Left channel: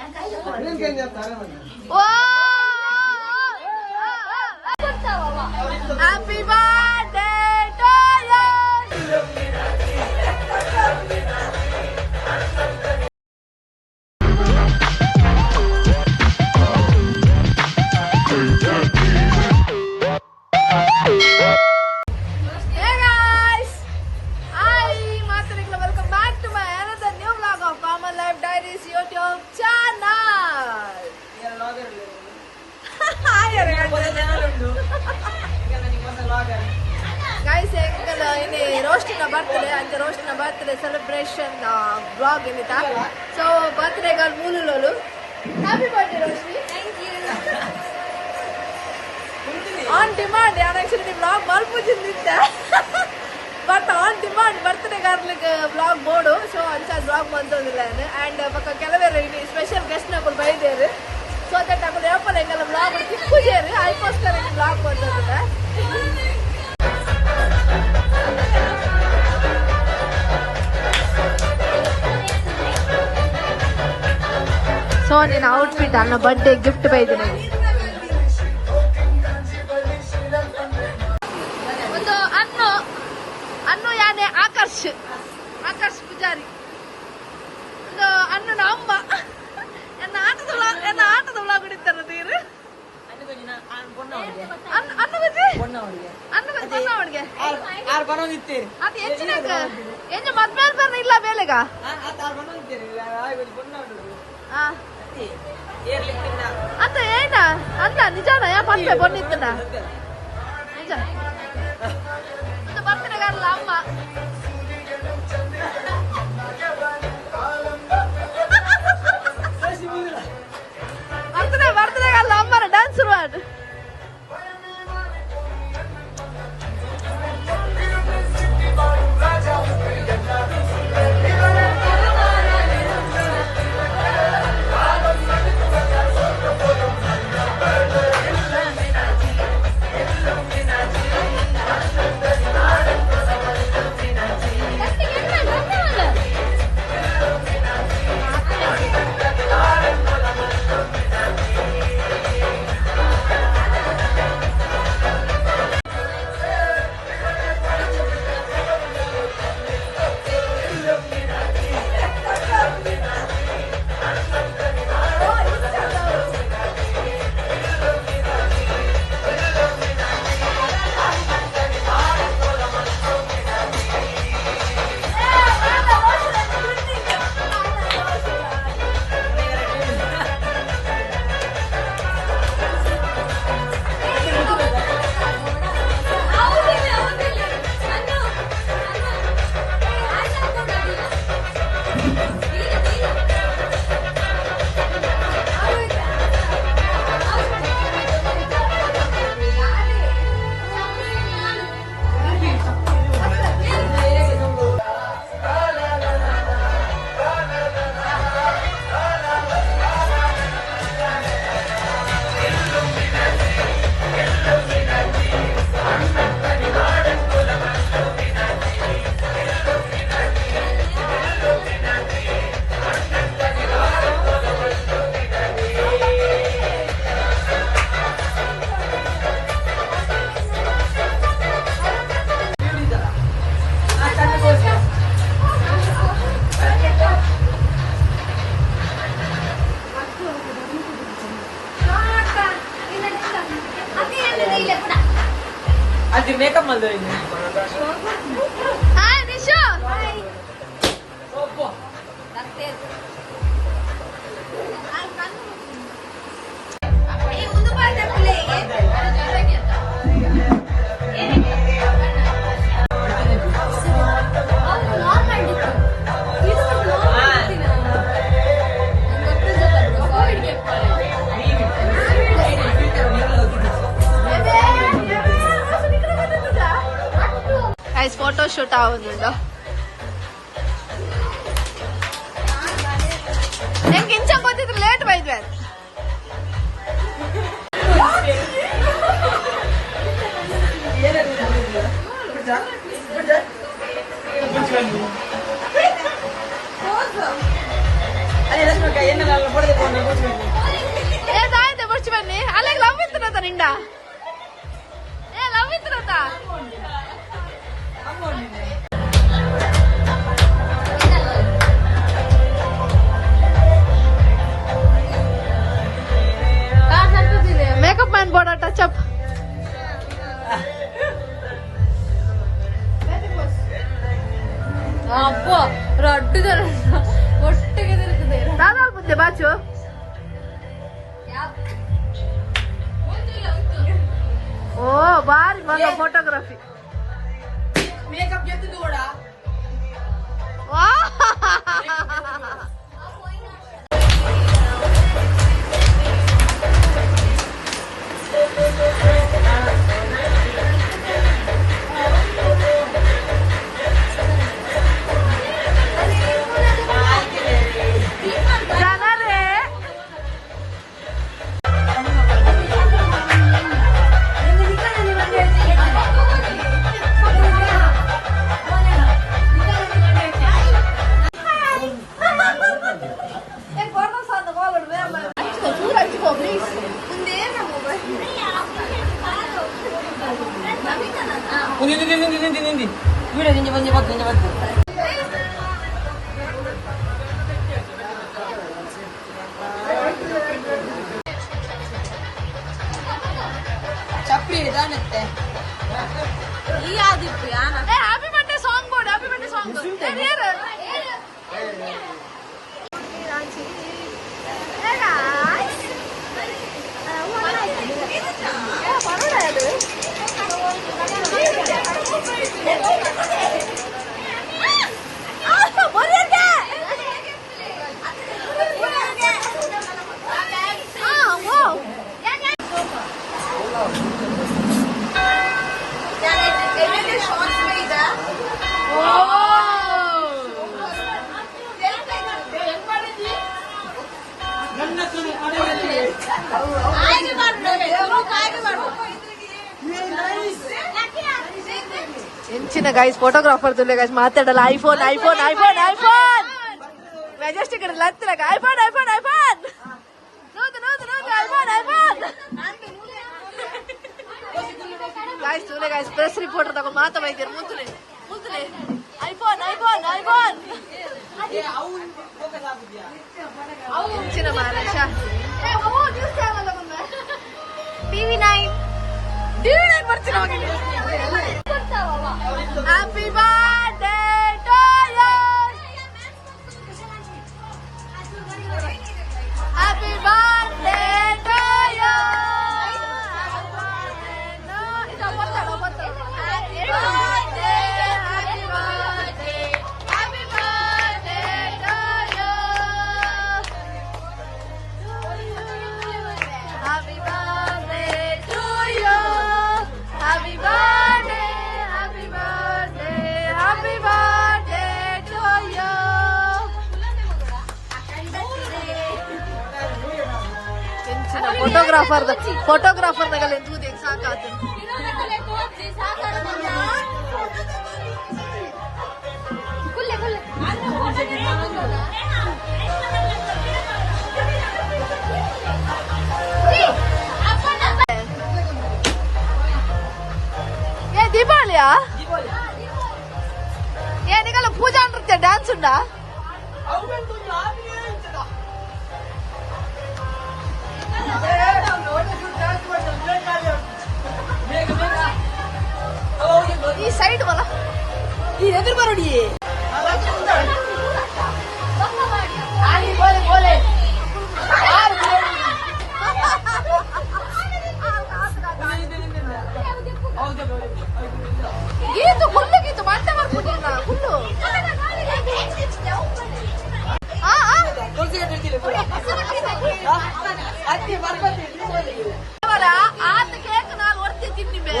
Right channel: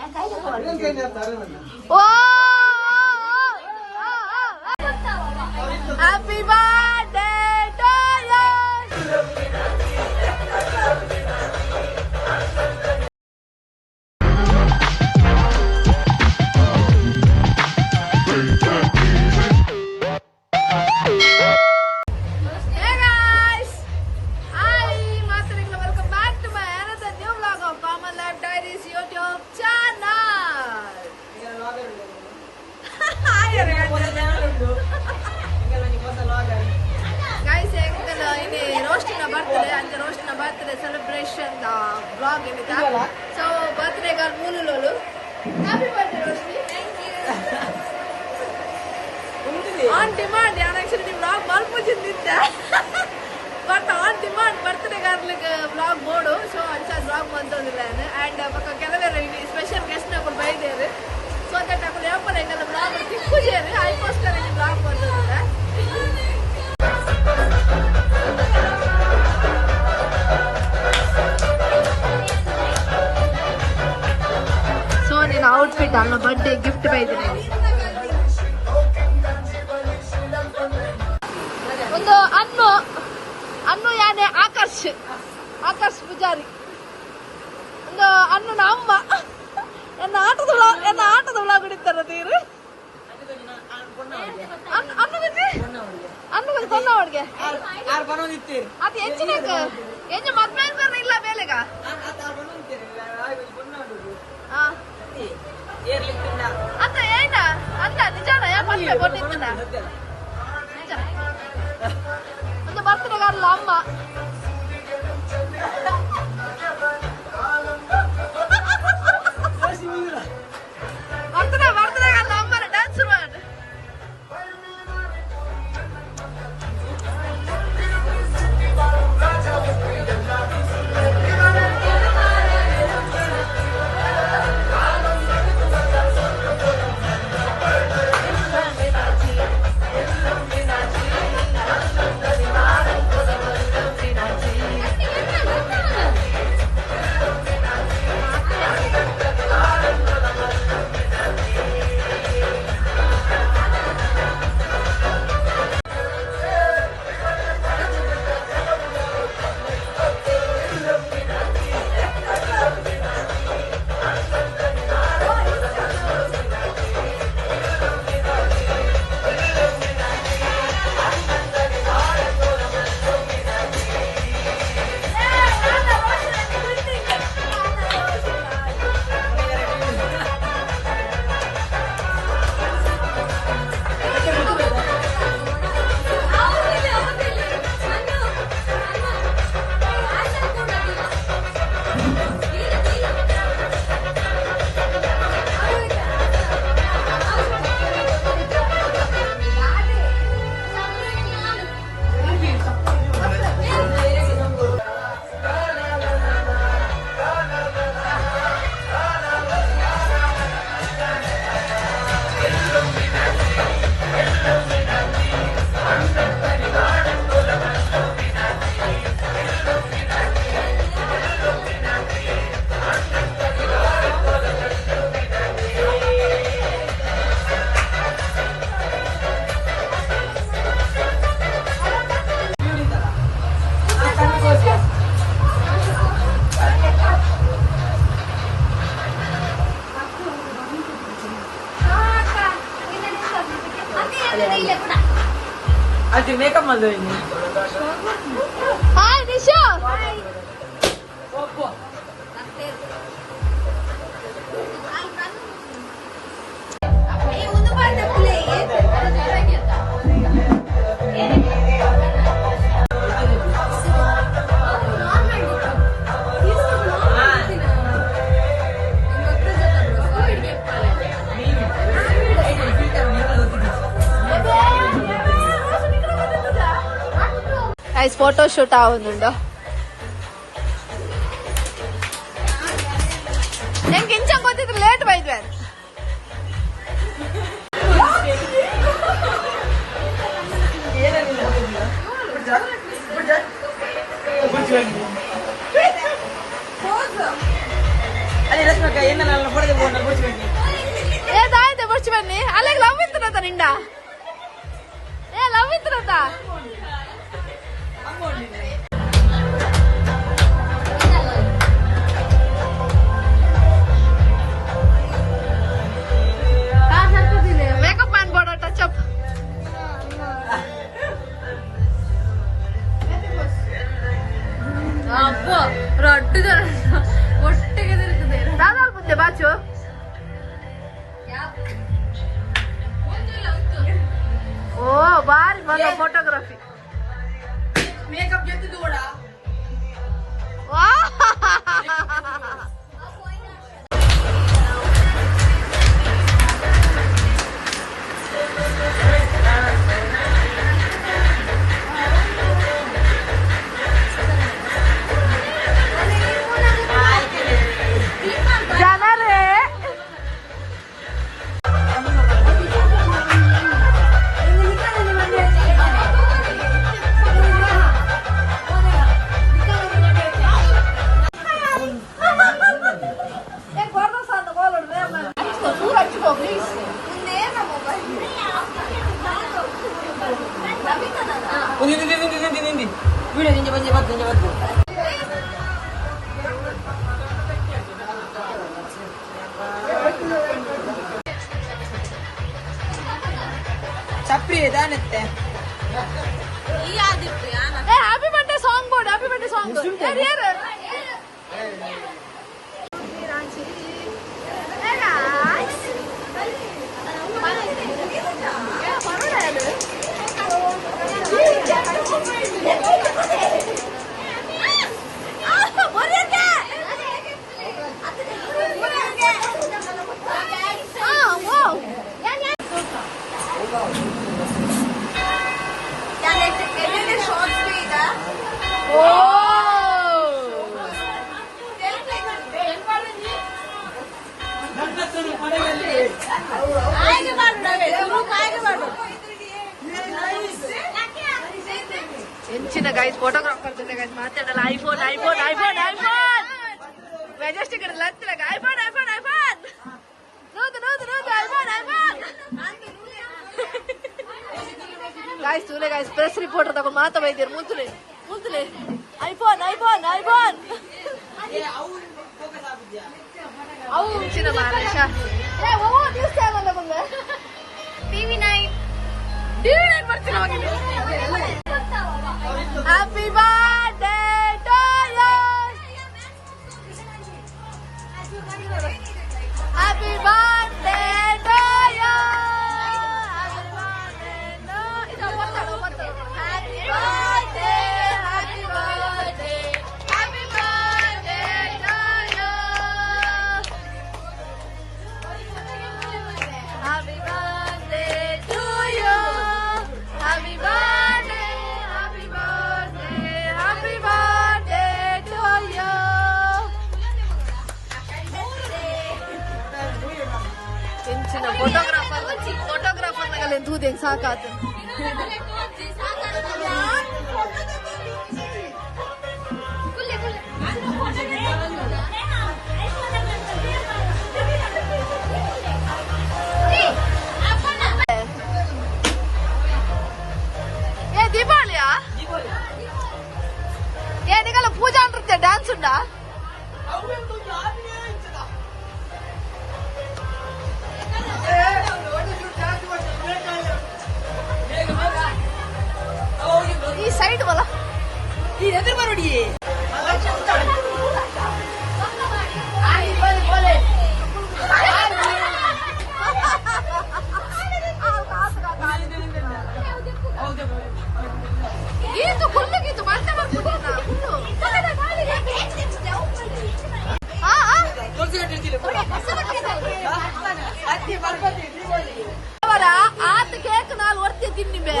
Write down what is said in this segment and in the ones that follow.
Happy birthday to you. Hey guys, welcome back to my another new vlog of Common Life Diaries YouTube channel. Guys, ini roast na birthday celebration vlog ini ta. So birthday girl mulu lulu. Happy birthday Roshni. Thank you. On demand actually vlog balpu jinditte. But on demand birthday girl vlog modu. So ancha vlog bandodilla and paka kelavaru ini special guest na kul baidere. So that aku level engala vlog tikku jere I post kare vlog bandodilla. So in outfit anna birthday gift baidene. Ondo annu yane Akash Pujari. Ondo annu na amma enna ಆಟದ vlog ಹಿಡಿತಾರೆ ತೀರು ಅನ್ನು ಕೊನ್ನವಡಿಗೆ R ಬರೋದಿತ್ತೀರಿ ಅದು ಎಂಚಿನಕ ಎಂಜ ಮದ್ಮೇಲೆ ಬರ್ನ ಇಲ್ಲ ಬೇಲೆಗ R ಬರೋದಿತ್ತೀರಿ ಆಯ್ ಕೊನ್ನವಡಿಗೆ ಆ ಏರ್ಲಿಕ್ಕಿನ ಅಂತ ಏನ ಅನ್ನ ನಿಜಾನ ಯಾಕೆ ಬಂದಿತ್ತನ ನಿಜ ಅಂತ ಬರ್ತಾರೆ ಗಾರಲ್ಲ ಅಮ್ಮ ಬರ್ತಾರೆ ಗಾರಲ್ಲ ಅಮ್ಮನ ಡ್ಯಾನ್ಸ್ ಮಾಡಿ Asyik makeup malu ini. Hai Nisha. Hai. Apa? Naktir. Hai kan. Ini untuk pada play. Guys, photo shoot ആവുന്നുണ്ടോ? എനിക്ക് ഇഞ്ചാൻ കൊത്തിട്ട് ലേറ്റ് പോയിട്ട് Kayaknya dalam perut ಬನ್ನಿ ಅಲ್ಲಿಗೆ ಲವ್ ಇತ್ತನತ ನಿಂದ ಲವ್ ಇತ್ತನತ ಮೇಕಪ್ ಮಾಡ್ಬೋಡ ಟಚ್ ಅಪ್ ಅಪ್ಪ ರೊಟ್ಟಿ ಒಟ್ಟಿಗೆ ಯಾವ್ದಾದ್ರು ಮುಂದೆ ಬಾಚು ಓ ಬಾರಿ ಮಗ ಫೋಟೋಗ್ರಫಿ ಮೇಕಪ್ ಜೊತೆ ಕೂಡ ನಿಂದಿ ಬಿಡ ನಿಂಗೆ ಬಂದೆ ಬದ್ದು ಚಪ್ರಿ ದಾನತ್ತೆ happy birthday song board happy birthday song ಯಾರು ಎಂಚಿನ ಗೈಸ್ ಫೋಟೋಗ್ರಾಫರ್ ತುಲೆ ಗೈಸ್ ಮಾತಾಡಲ್ಲ iPhone iPhone iPhone iPhone Majestic ಹತ್ರ ಐಫೋನ್ ಐಫೋನ್ ಐಫೋನ್ ನೋದು ನೋದು ನೋದು ಐಫೋನ್ ಐಫೋನ್ ಗೈಸ್ ತುಲೆ ಗೈಸ್ ಪ್ರೆಸ್ ರಿಪೋರ್ಟರ್ ತಗೊಂಡು ಮಾತಾ ಬೈತೀರಿ ಮುಂತುಲೆ ಮುಂತುಲೆ ಐಫೋನ್ ಐಫೋನ್ ಐಫೋನ್ ಎಂಚಿನ ಮಾರೇಶ ಟಿವಿ9 ಬರ್ತೀನಿ ಹೋಗಿಲ್ಲ Happy birthday to you. Happy birthday to you. Happy birthday to you. Ito birthday. Happy birthday. Happy birthday to you. Happy birthday to you. Happy birthday. Happy birthday to you. ಎಂಚಿನ photographer ನಗಲ್ಲ ಎಂತೂದು ಹೆಂಗ್ ಸಾಕಾತ ఏ దీపావళియా ఏనికల పూజా నృత్య dance ఉందా ఈ side వల్ల ఈ ఎదురు బరడి Geetu full Geetu ಮಂಟ ಬರ್ಬಿಟ್ಟು full ಆತ cake ನಾಲ್ ಹೊರ್ತಿ ತಿನ್ನಿಬೆ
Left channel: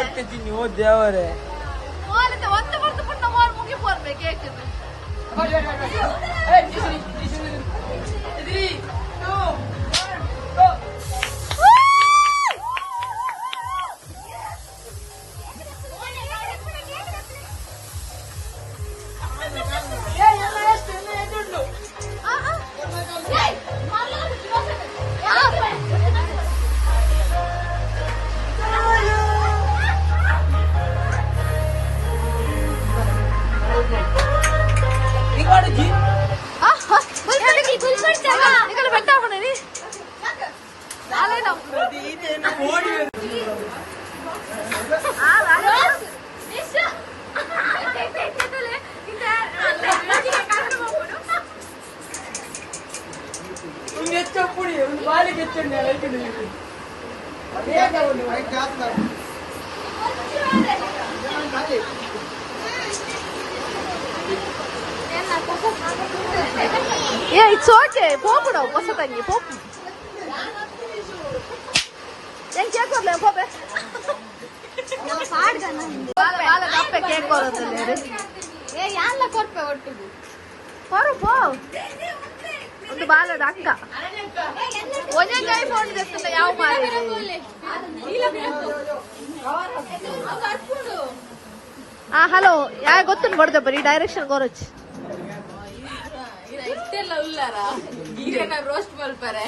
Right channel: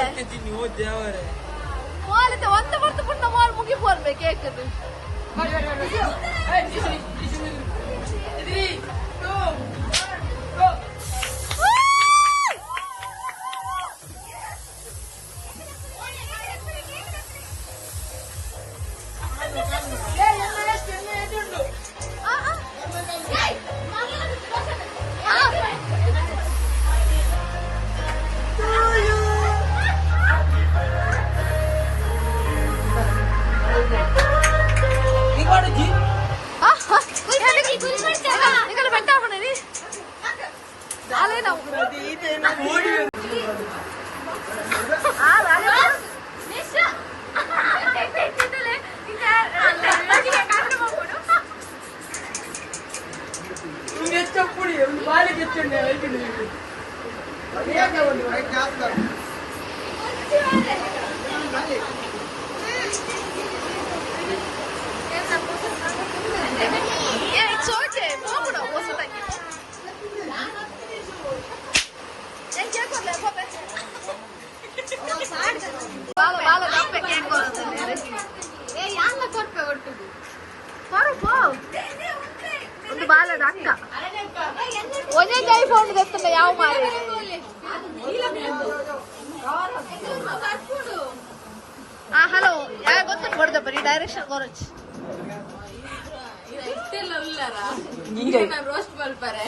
ಮೋಲಿತೆ ಒಂದ ಬರ್ತು ಪುಣ್ಣ ಮೋಲ್ ಮುಗಿಪೋರ್ಬೆ ಕೇಕ್ ಕಷ್ಟಪಡಿ ಒಂದು ಬಾರಿ ಕೆಚ್ಚಂಡೆ ఇట్స్ ఓకే పోపుడు వస్తుందండి పోపు ఏం చేయకూడదు పోపే వాళ్ళ తప్పే కేక్ కొడుతుంది ఏ యాళ్ళ కొట్టే ఒట్టుది పరు పో ಒಂದು ಬಾಲದ ಅಕ್ಕ ಒಂದೊಂದು ಐಫೋನ್ ತೆತ್ತಲ್ಲ ಯಾವ ಮಾರಿ ಹಲೋ ಯಾವ ಗೊತ್ತಿಲ್ಲ ಕೊಡ್ತೇವೆ ಬರೀ ಡೈರೆಕ್ಷನ್ ಗೊರಚ್ಚಿ ಇಷ್ಟೆಲ್ಲ ಉಲ್ಲಾರಾ ರೋಸ್ಟ್ ಬರ್ತಾರೆ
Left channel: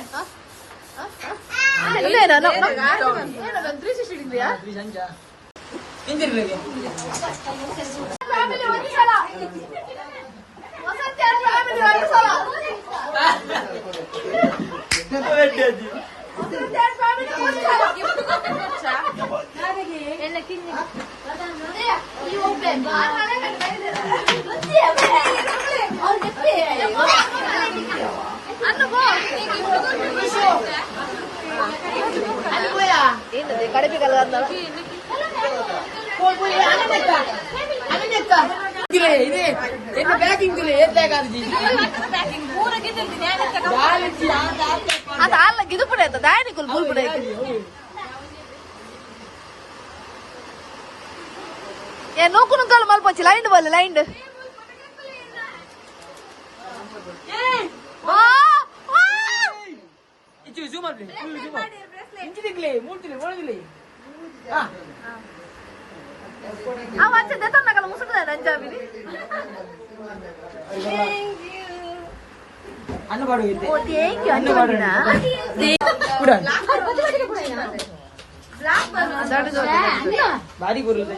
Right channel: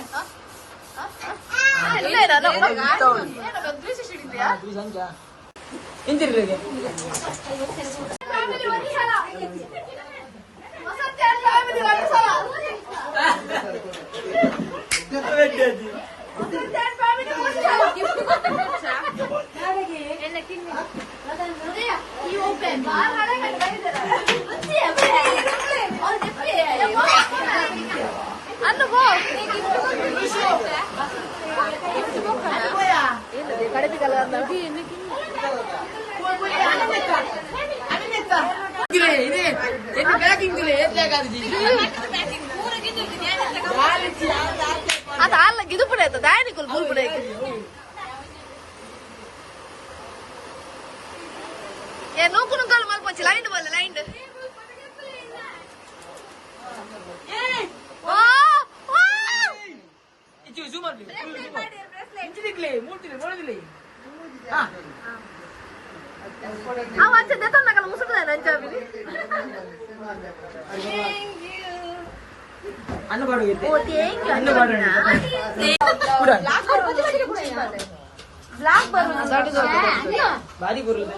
ఏంటది కడిపి కలగద్దా ఇది ప్యాకింగ్ ಅದು ಅಲ್ಲ ಗಿದುಪುಡೆ ಆಯ್ತು ದಾಯನಿಕುಲ್ ಬುಲ್ಪುಡೆ ಆಯ್ತು ಏ ನೂಕು ನುಗ್ಗಲು ಮಲ್ಪೊಚ್ಚಿ ಲೈಂಡ್ ಬಲ್ಲ ಲೈಂಡ್ ಅವ ಅಂಚೆ ದೆತ್ತಂದಾಗಲ್ಲ ಮುಸುಕದ ಅಂಚಾವಿ ಅನ್ನ ಬಾಡುತ್ತೆ ಓ ಥ್ಯಾಂಕ್ ಯು ಅನ್ನ ಬಾಡು ಬಾರಿ ಗುರುಲ್ಲ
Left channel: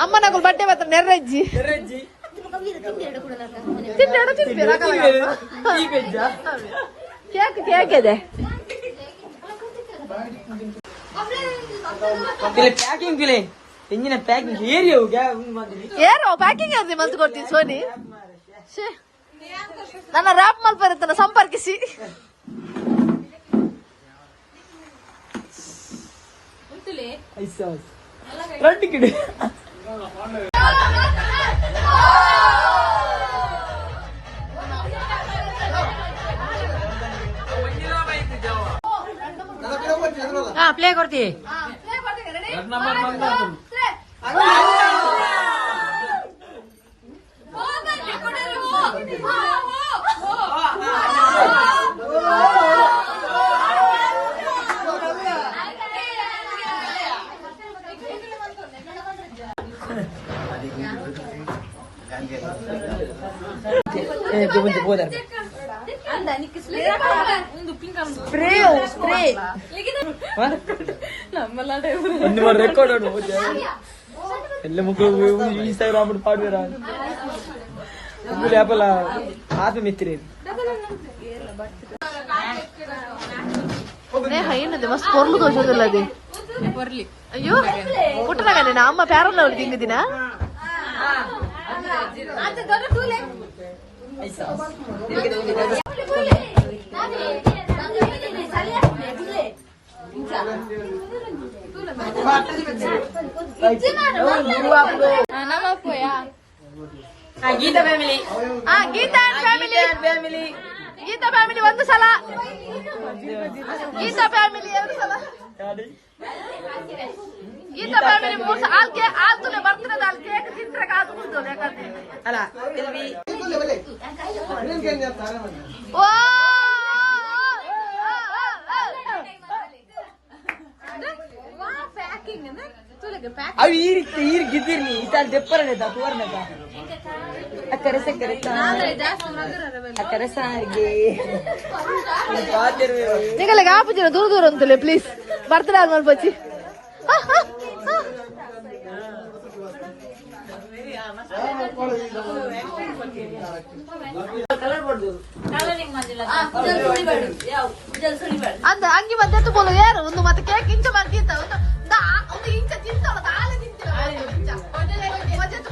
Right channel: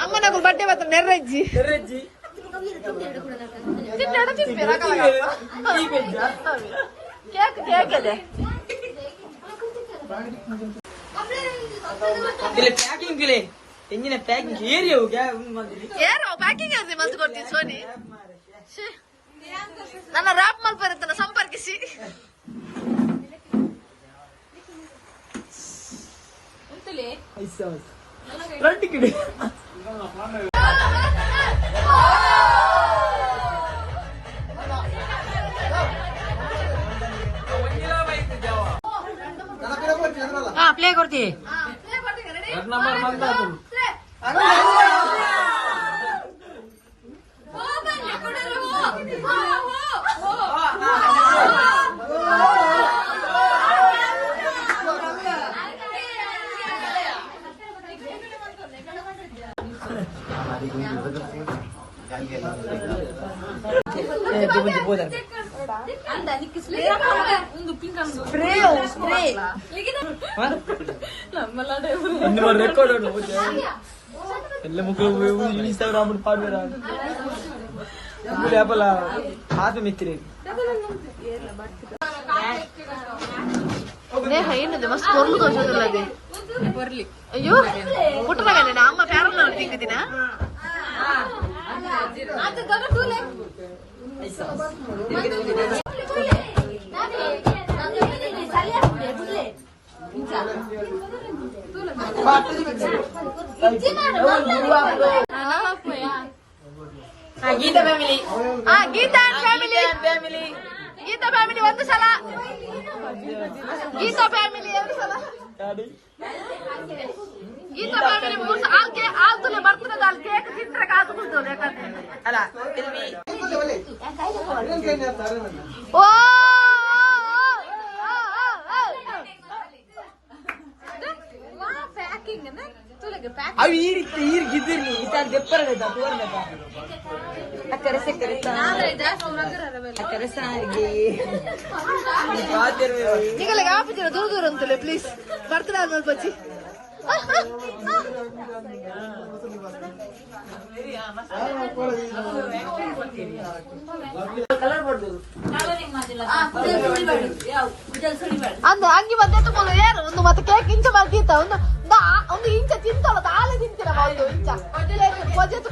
ಅಮ್ಮ నాకు బర్త్డే వస్తా నెర్రజ్జి ನೆರಜ್ಜಿ ಕೇಕ್ ಕೇಕ್ ಇದೆ ಪ್ಯಾಕಿಂಗ್ ತೆಂಗಿನ ಪ್ಯಾಕಿಂಗ್ ಏರಿಯೋ ಏರೋ ಪ್ಯಾಕಿಂಗ್ ಅದು ಮಂದು ಕೊಡ್ತೀನಿ ಸೋನಿ ನನ್ನ ರ್ಯಾಪ್ ಮಲ್ಪರುತ್ತನ ಸಂಪರ್ಕಿಸಿ ಫ್ರಂಟ್ ಕಿಡಿ ಪ್ಲೇ ಕೊಡ್ತಿ ರೆಕಾರ್ಡ್ ಎಲ್ಲ ಮಕ್ಕಳು ಇನ್ಸ್ಟಾಗ್ರಾಮ್ ಪಾಡ್ವೇರ ಲೇಪಲ ಆತ ಮಿತ್ರಿ ಏನದೆ ಮಸ್ತ್ ಕೊರ್ಲು ತೋರಿಸೋದಿಲ್ಲ ಅದೇ ಅಯ್ಯೋ ಪುಟ್ಟನಾಗ ನಾ ಅಮ್ಮ ಪ್ಯಾರಲ್ಲ ಅವ್ರು ತಿಂದಿದ್ದೀನ Geeta family Geeta family Geeta family ಒಂದು ಸಲ ಗೀತಾ ಫ್ಯಾಮಿಲಿ ಎರಡು ಸಲ ಗೀತಾ ಫ್ಯಾಮಿಲಿ ಮೂರು ಸಲ ಆಲ್ತುಲೆ ಬರ್ತದೆ ಅಲ್ಲಿ ಕೇಕ್ ತಿಂದ್ರೆ ಕಾದು ಕುಡ್ತದೆ ಯಾಕಂದ್ರೆ ಓ ಅವು ಈರಿಗಿದ್ದಿರ್ಲಿ ಇತ್ತಾಗ ದೆಪ್ಪರನೆ ಅಕ್ಕರೆ ಅಕ್ಕರೆ ಸಾರಿಗೆ ನಿಗಲಿಗೆ ಆಪುಜಿನ ದೂರ ದೂರ ಅಂತಲೇ ಪ್ಲೀಸ್ ಬರ್ತದೆ ಅದು ಮಲ್ಪಚ್ಚಿ ಅಂದ ಅಂಗಿ ಬಂದು ಎತ್ತುಕೊಂಡು ಏನು ಒಂದು ಮತ್ತೆ ಕೇಕ್ ಇಂಚ ಮಲ್ಗೀತ ಒಂದು ಇಂಚ ತಿಂತಲ್ಲ ತಾಳೆ ತಿಂತೀರ ಇಂಚ ಬಜೆತ್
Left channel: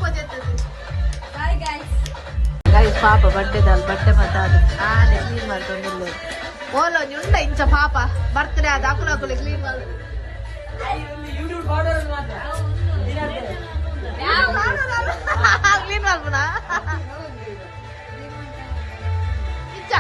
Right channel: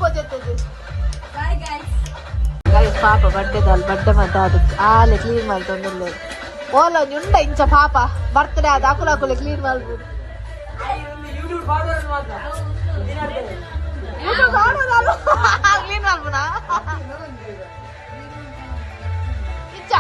ಗೈಸ್ ಪಾಪ ಬಡ್ಡೆದಲ್ಲ ಬಡ್ಡೆ ಮತ್ತೆ ಅದಕ್ಕೆ ಆಲೆ ಕ್ಲೀನ್ ಮಾಡ್ತೊಂದಿಲ್ಲ ಓಲೋ ಉಂಡ ಇಂಚ ಪಾಪ ಬರ್ತ್ಡೇ ಅದು ಅಕುಲೆ ಕ್ಲೀನ್ ಮಾಡ್ಬೋದು ಕ್ಲೀನ್ ಮಾಡ್ಬೋಣ ಇಂಚ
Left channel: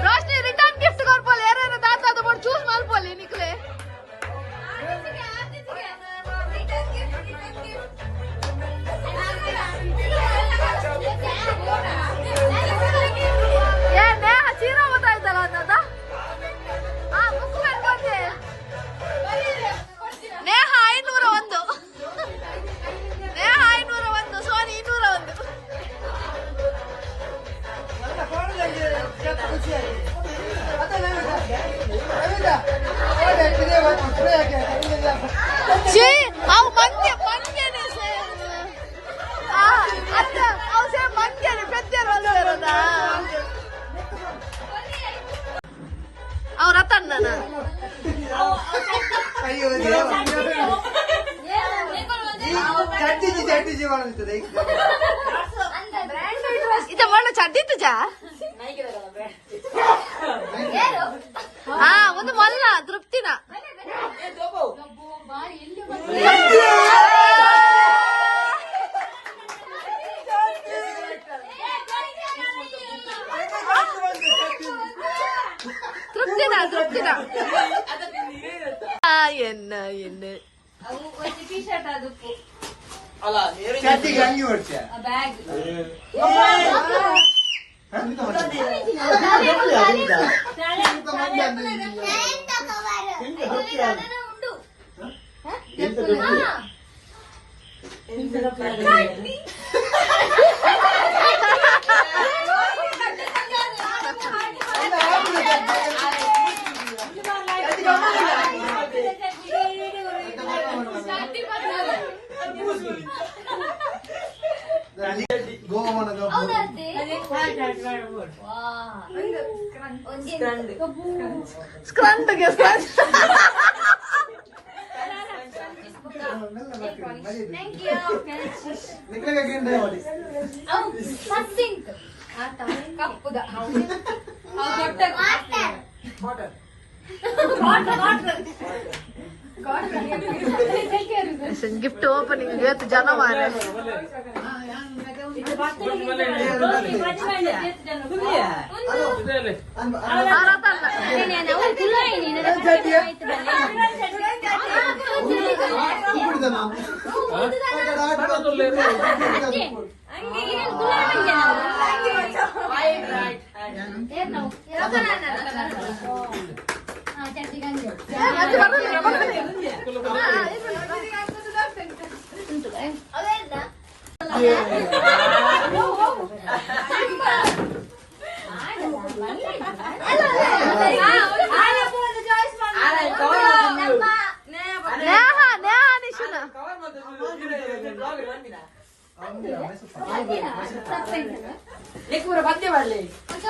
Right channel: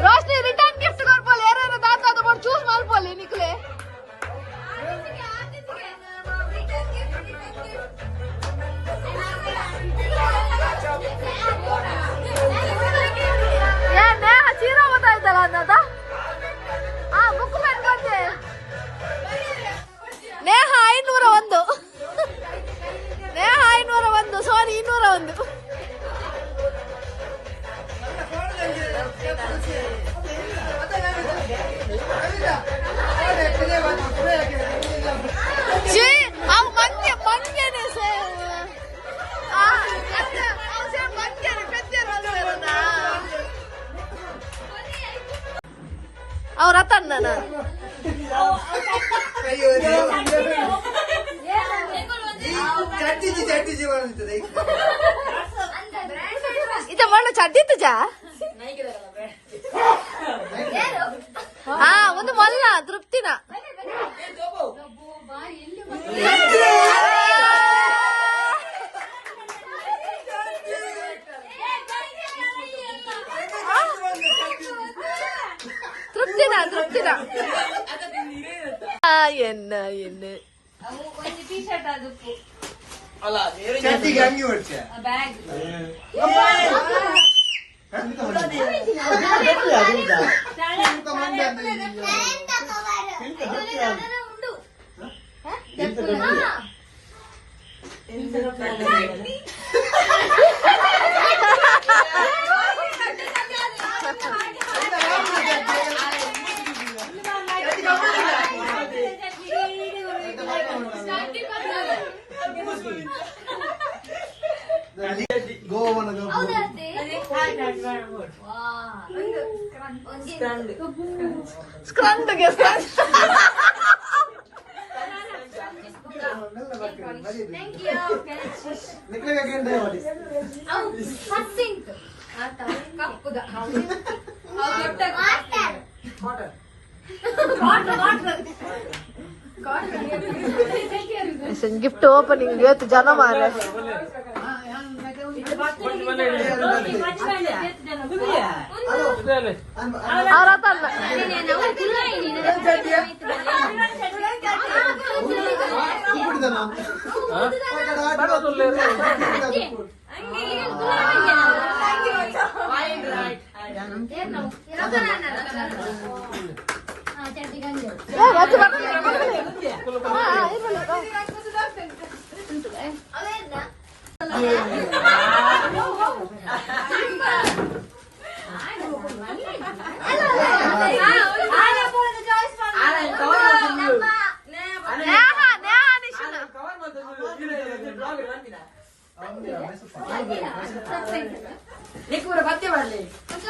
रोशनी रिटर्न गिफ्ट कर बोले यार दादा तो बड़ चूस माल बोले निकले यार मैं हसीरा बताई दला दादा हां बुक में ಬಂದೆ ನೇಹ 501 ನೇಹ 501 ಸಾರಿ 201 ಅವ್ರ ತನ್ನ ಇದ ಒಳ್ಳೆ ಚಡ್ಡಿತ್ತು ಜಾ ಹಾ ಒಂದು ಮಲ್ಲ ತೃಪ್ತಿನ ತೃಪ್ತಿನ ಎನ್ನ ಎನ್ನ ಟೀ ಶರ್ಟ್ ಅದಕ್ಕೂ ಬ್ಯಾಗ್ ಸ್ಕ್ರಂಡ್ಗೆ ಥ್ಯಾಂಕ್ ಯು ಕಪ್ಪುದ ಗಿಫ್ಟ್ ಓಪನಿಂಗ್ ಇವತ್ತು ಜನ ಮಾರ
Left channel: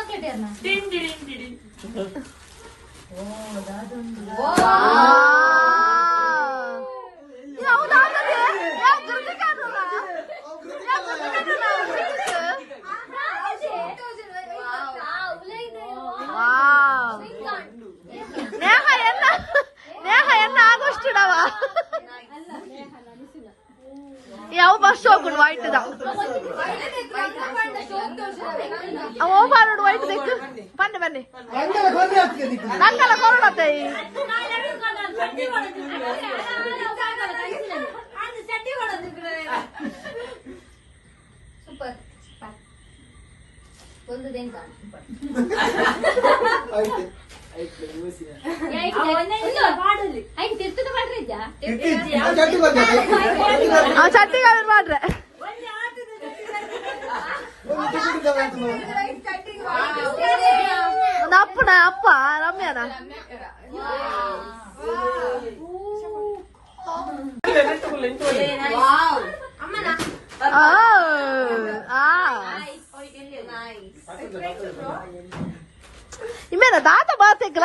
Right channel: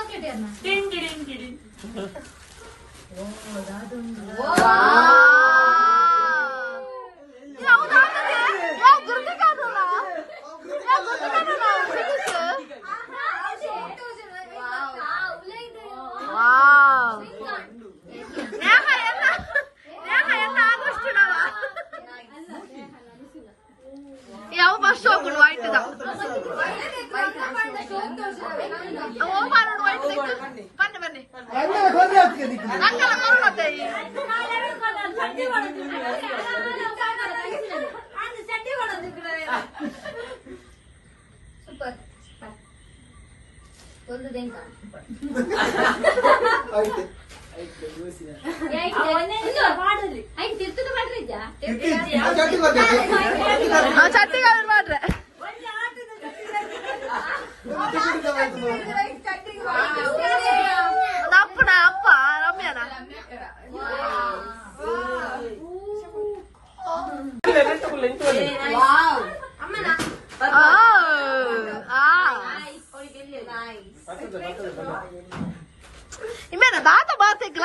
ಚಾಕ್ಲೇಟ್ ಏನ ಯಾವ ಬಸ್ ಹೋಗ್ಬಿಡು ವೈಟ್ ಹೋಗ್ಬಾರ್ದು ವೈಟ್ ಬನ್ನಿ ಬನ್ನಿ ನಂಗೆಲ್ಲ ಕೊರಳತ್ತೆ ಸೂಪರ್ ಒಂದು ದೇಂಕ ಚಟ್ನಿ ಮಾಡ್ರೆ ಅಪ್ಪನ ಅಪ್ಪ ರಮ್ಯಾನ ಇಮೇನ ದಾತ ಬಾತೆಗ್ಲ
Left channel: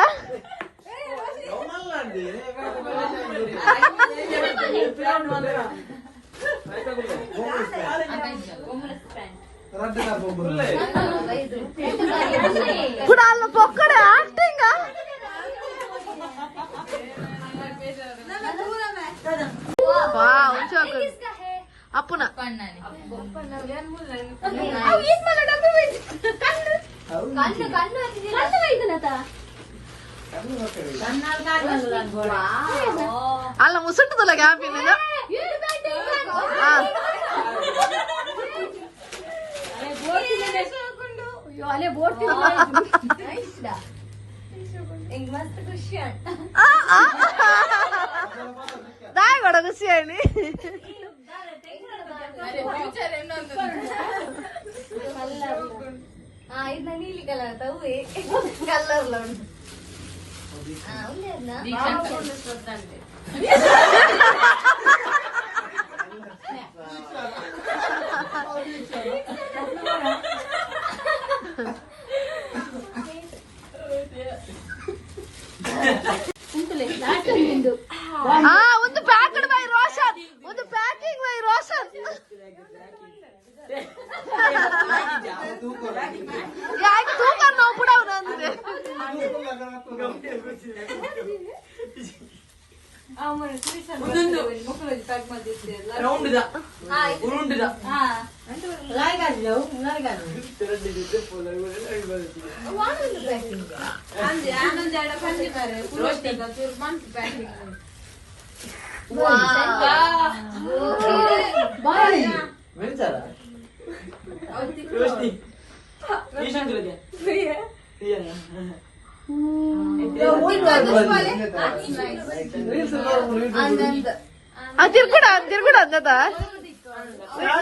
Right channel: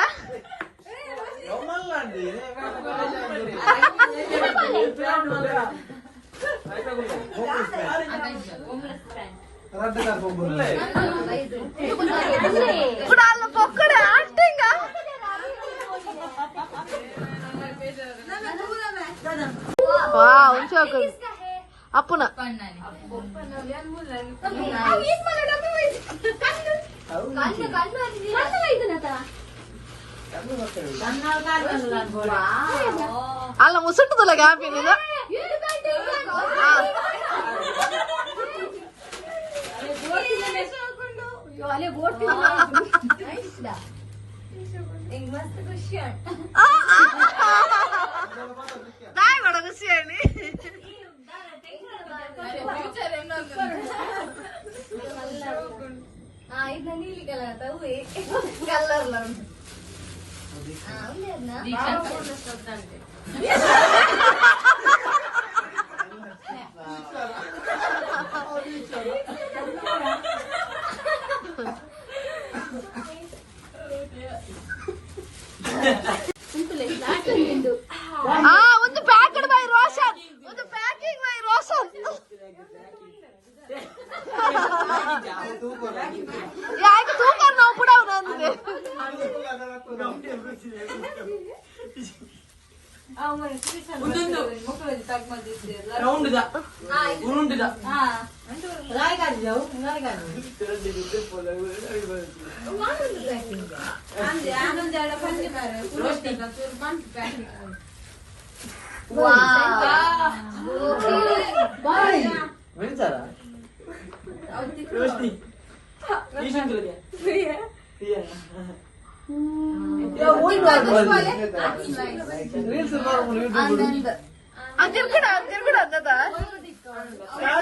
కుడాలను పొక్కడే ఆంటింగా వావ్ ఇంకొక అప్పున అలా ముసుంటుందిలే కాపీ నేను దాయి కూడా ఖుషి అని ಇದು ನೀಲಿ ಕಲರ್ ತವ್ವೆ ಕಲರ್ ಒಂದು ಪ್ಯಾಕೆಟ್ ಬೈ ರೋಷನ್ ಒಂದು ಪ್ಯಾಕಿಂಗ್ ಬೈ ರೋಷನ್ ಯಾಕೆ ತೂಕ ನಾವು ಬಿಡೋಣ ಅಂದ್ರೆ తిరుగుడా తిరుగుడా అంత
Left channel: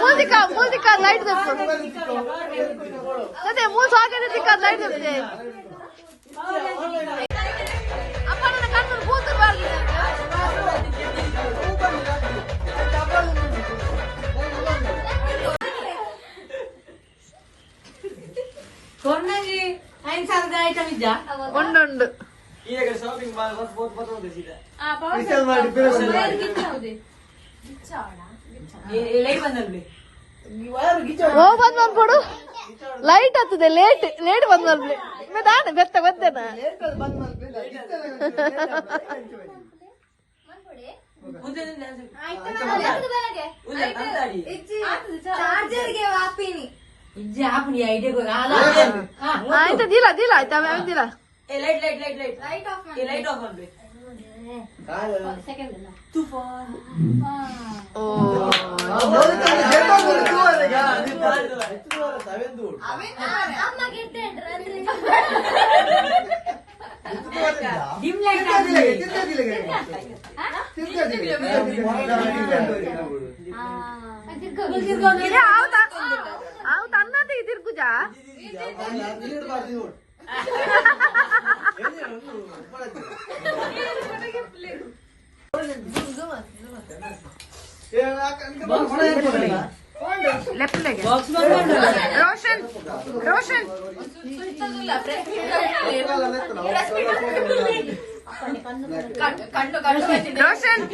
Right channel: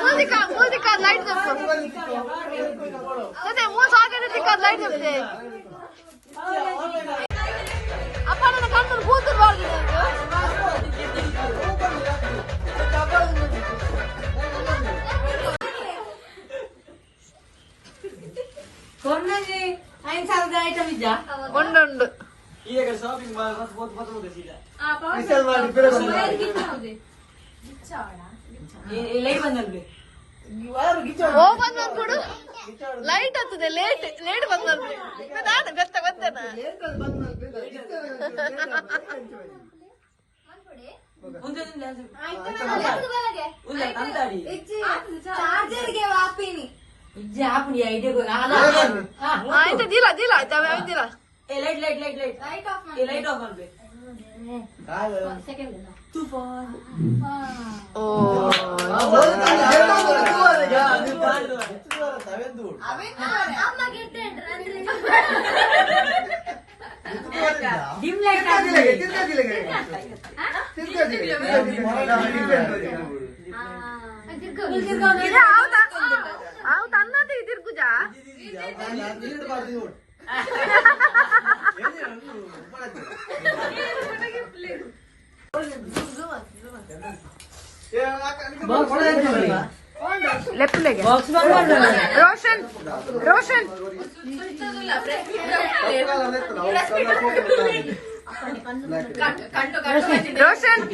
మూజిక మూజిక లైట్ తెప్పు అదే మూడు ఆగే లైట్ తెప్తే అప్ప ನನ್ನ ಕಣ್ಣು ಕೂತು ಬಾಗಿ ಕೊನೆಗೆ 5,000 ಐಟಮ್ ಇದ್ಯಾ ಉಂಡು ಈಗ ಶಾಪಿಂಗ್ ಮಾಲ್ ಬಸ್ ಬೋತ್ ಬರ್ತದೆ ಸೀದಾ ಲೈಟ್ ಬಂದಲ್ಲಿ ಬಂದ್ ನೋಡ್ಕೊಡು ಲೈಟ್ ಹತ್ತದೆ ಲೇಟ್ ಲೇಟ್ ಬಂದ್ ನೋಡ್ಲಿ ನಾನು ಬೆತ್ತ ಬೆತ್ತನ ಚಾರ್ಜರ್ಗೆ ವಾಪಿನಿ ಇಜ್ಜೆ ಆಪನಿ ಐಡಿಯಾ ಆಯ್ತಾ ದಿಲ್ಲ ದಿಲ್ಲ ಆಯ್ತಾ ದಿಲ್ಲ light light light light light off ಮಾಡಿ ಲೈಟ್ ಆಫ್ ಮಾಡ್ಬೇಕು ಸೆಕೆಂಡ್ ಓ ಅಮ್ಮ ಗೆಟ್ಟೆಂಡ್ರ ಅಂದ್ರೆ ಡಿಮ್ ಲೈಟ್ ಹೌದು ಅನ್ನದೇ ತಿರ್ಗುಜಾ ಲೆಫ್ಟ್ ಲೆಗೆ ಬಾಕ್ಸ್ ಬಂದ್ಮಾಡು ರೋಷನ್ ರೋಷನ್ ರೋಷನ್